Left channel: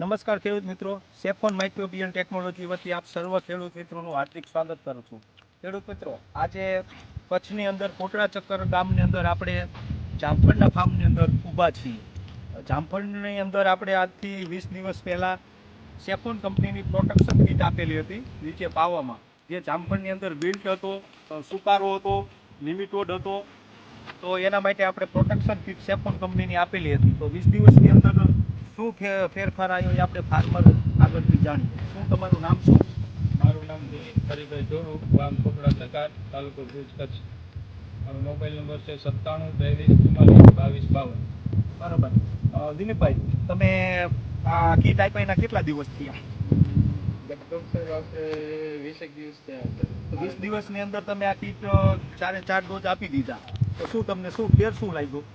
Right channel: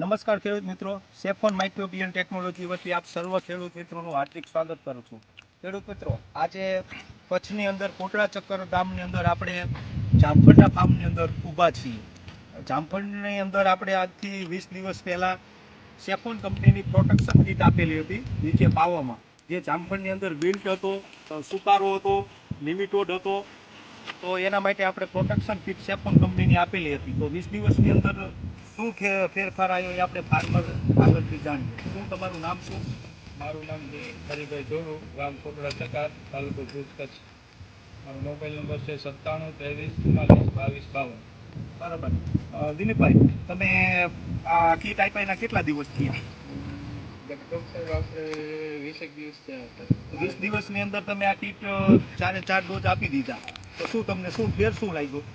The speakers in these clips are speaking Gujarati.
નમસ્કાર ખેડૂત મિત્રો, સેફોન માઇક્રોબિયન ટેકનોલોજી વતી આપ સર્વ ખેડૂત મિત્રોનું હાર્દિક સ્વાગત કરું છું. ખેડૂત મિત્રો, આજે કચ્છની અંદર કોટડા ચક્કર ગામની અંદર આપણે જામફળના ફાર્મની અંદર ઊભા છીએ. જામફળની અંદર આપણે આજથી 20 દિવસ પહેલાં સેફોન કંપનીની પ્રોટેક્શન કીટ આપેલી હતી નીચે પાવામાં, જે જામફળની અંદર બિલ્ટ હતો, સુકારો હતો, નિમિટોડ હતો. તો એના માટે આપણે પ્રોટેક્શન કીટ સેફોન કંપનીની આપેલી હતી. તો 20 દિવસની અંદર શું ફેરફાર આવ્યો એ આપણે ફાર્મર આગળથી જાણીએ. શું તમારું નામ શું? મારું નામ હરિભાઈ જોડુ, ગામ કોટડા ચકાર, તાલુકો ભુજ, કચ્છ. મારો મોબાઈલ નંબર છે 97 23 44 22 52. બરાબર. દિલીપભાઈ, તમે આ કીટ આપ્યા એના કેટલા દિવસ થયા? લગભગ સાહેબ આપણે 20 દિવસ થયા હતા. 20 દિવસની અંદર તમે આ કીટ 4 ડોઝ આપી દીધા. તો શું તમને ફેર શું લાગ્યું?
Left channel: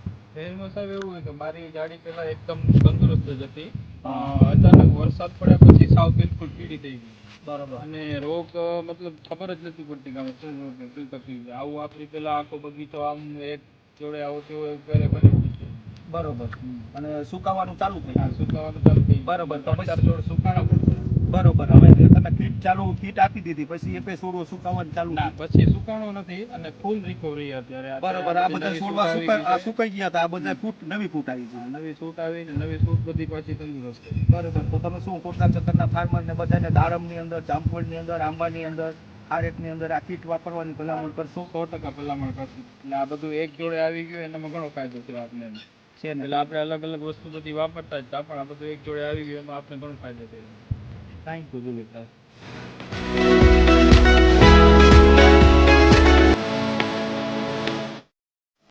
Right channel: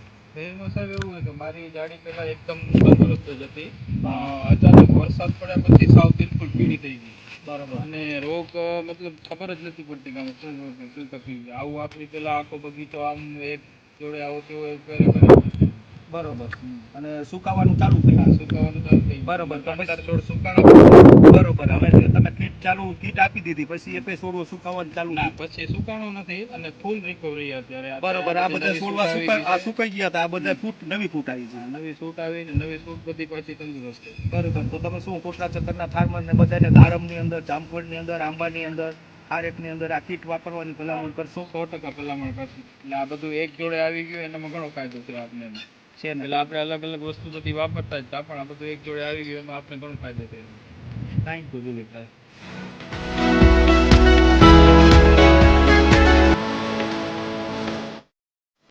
એમાં સાહેબ એવું હોય કે મારી જાડી પહેલા એકદમ તંદુરસ્ત જ હતી. અચાનક વરસાદ પડ્યા પછી સાવ બિલકુલ પીળી થઈ ગઈ. બરાબર. અને રોગ મતલબ ખબર જ નથી પડતી કે આમાં શું રોગ ને શું તકલીફ છે. આવું આપણી પેલા આખો બગીચો આમ એક જોડે આવો તેવો બરોબર. અને સુકાવાનું ચાલુ થયું. સુકાવાનું ચાલુ થઈ ગયું. બરોબર. તો પછી પછી છોડ સુકાણા. બરોબર. હવે તમે કીટ આપી દીધી પછી એ છોડવો સુકાવાનું ચાલુ ના, થયું. પછી સુકાણું નથી અને ફૂલ રિકવરી અત્યારે. બરોબર. આ બધા છોડવા સુકાઈ ગયા હતા. આ બધા નવી ફૂટ આવી છે. નવી સૂટ આવી ને નવી સૂટ બધી પાછી તંદુરસ્ત છે. બરોબર. તો તમે શું કોટડા ચક્કરના ફાર્મરને બધાને દાડમની અંદર, જામફળની અંદર, આંબાની અંદર, ખારેકની અંદર આ કીટ વાપરવાની ભલામણ કરશો? 100% ભલામણ કરશું. એટલે આ બધું એક જોડે આવી ગયું એનામાં ઘણો ફાયદો છે આપને. છે ને? એટલે આપણે અલગ અલગ વસ્તુ બધી વાપરતા જ હતા, પણ આ બધું એક જોડે આવી ગયું એમાં આપણે ઘણો ફાયદો થયો. Thank you Dilipbhai.